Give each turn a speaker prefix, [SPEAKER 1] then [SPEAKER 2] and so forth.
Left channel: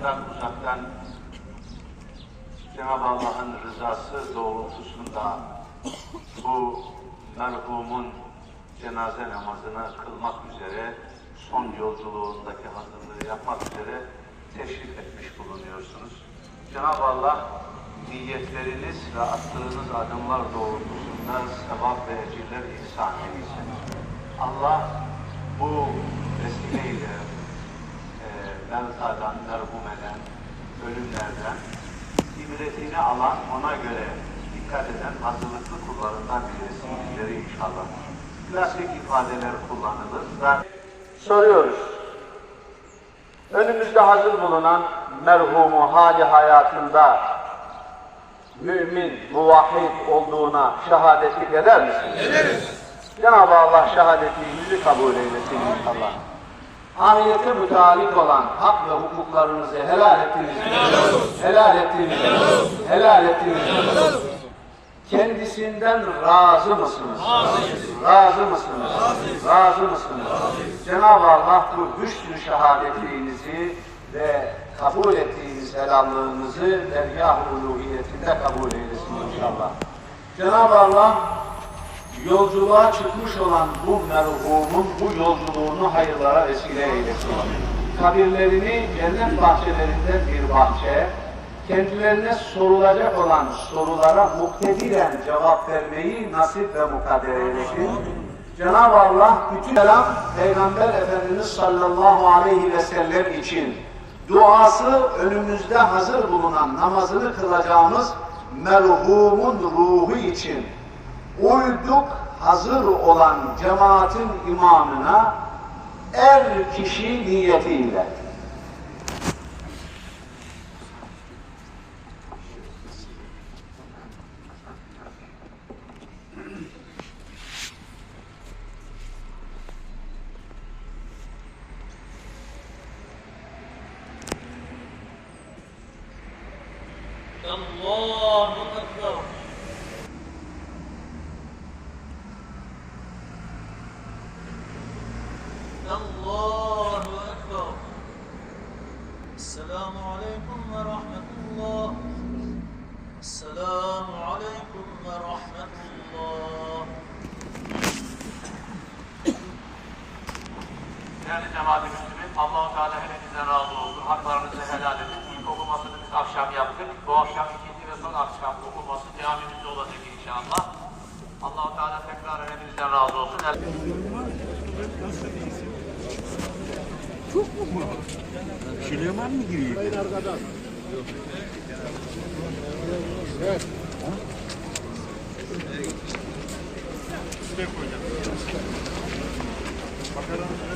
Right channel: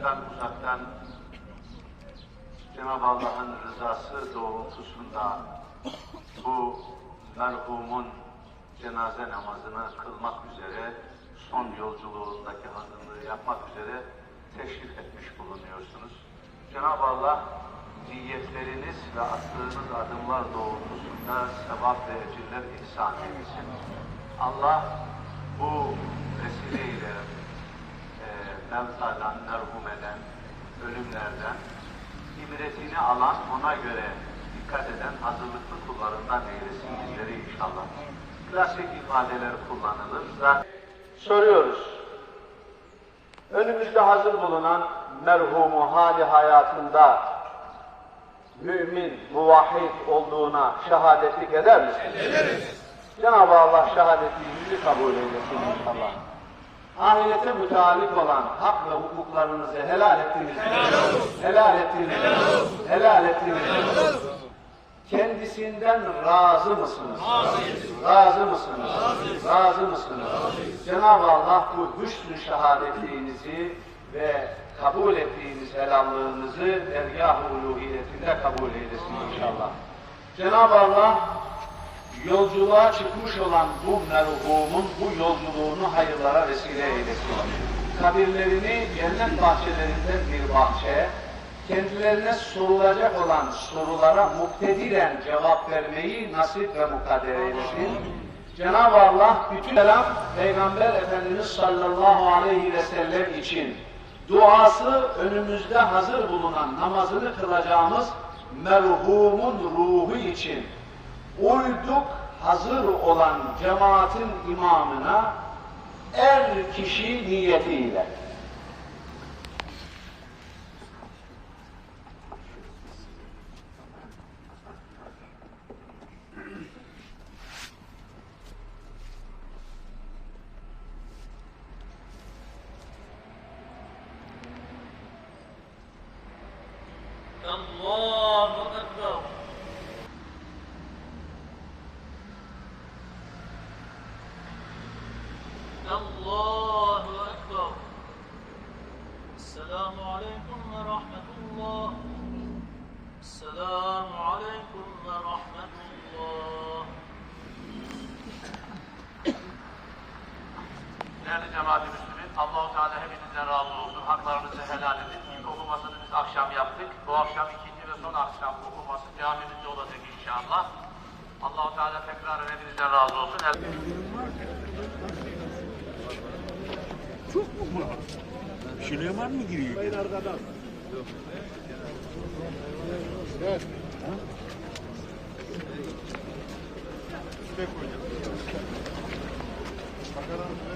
[SPEAKER 1] yakından uzaktan Cenab-ı Allah'ın rızası doğrultusunda bu merhumun cenaze namazını kılmak üzere son yolculuğundaki hazırlığı yapmak üzere teşrif etmiş bulunuyorsunuz. Cenab-ı Allah niyetleriniz ve attığınız adımlar doğrultusunda sevap ve ecirler ihsan etsin. Allah bu vesileyle mevtadan, merhum eden, ölümlerden ibretini alan, ona göre dikkat eden hazırlıklı kullarından eylesin bizleri inşallah. Klasik ifadeler kullanılır. Soruyoruz. Önümüzde hazır bulunan merhumu hali hayatında mümin, muvahhid olduğuna şehadetlik eder misiniz? Ederiz. Cenab-ı Allah şehadetimizi kabul eylesin inşallah. Ahirete mütealik olan hak ve hukuklarınızı helal ettiniz. Helal ettiniz. Helal ettiniz. Kendisinden razı mısınız? Razı mısınız? Razı mısınız? Cenab-ı Allah bu hüsnü şehadetliğinizi ve kabul ettiğiniz helallığınızı dergâh-ı uluhiyetinde kabul eylesin inşallah. Cenab-ı Allah yolculuğa çıkmış olan bu merhumun bu yolculuğunu hayırlara vesile eylesin. Kabirlerini cennet bahçelerinden bir bahçe, kendilerine sorulacak olan sorulara muktediren cevap vermeyi nasip ve mukadder eylesin. Cenab-ı Allah bütün selam Peygamber Efendimiz sallallahu aleyhi ve sellem için duası önümüzde hazır bulunan namazını kılacağımız merhumun ruhu için uyduk hazır olan cemaatin imamına er kişi niyetiyle.
[SPEAKER 2] Allahu Ekber. Esselamu Aleyküm ve Rahmetullah. Esselamu Aleyküm ve Rahmetullah.
[SPEAKER 1] Değerli cemaat üstünün Allah-u Teala hepinizden razı olsun. Haklarınızı helal edin. İlk okumasını biz akşam yaptık. Bu akşam ikinci ve son akşam okuması camimizde olacak inşallah. Allah-u Teala tekrar hepinizden razı olsun.
[SPEAKER 3] Yapma. Şuraya mı gireyim? Hayır arkadan. Yok. Evet. Size koyacağım. Bakalım.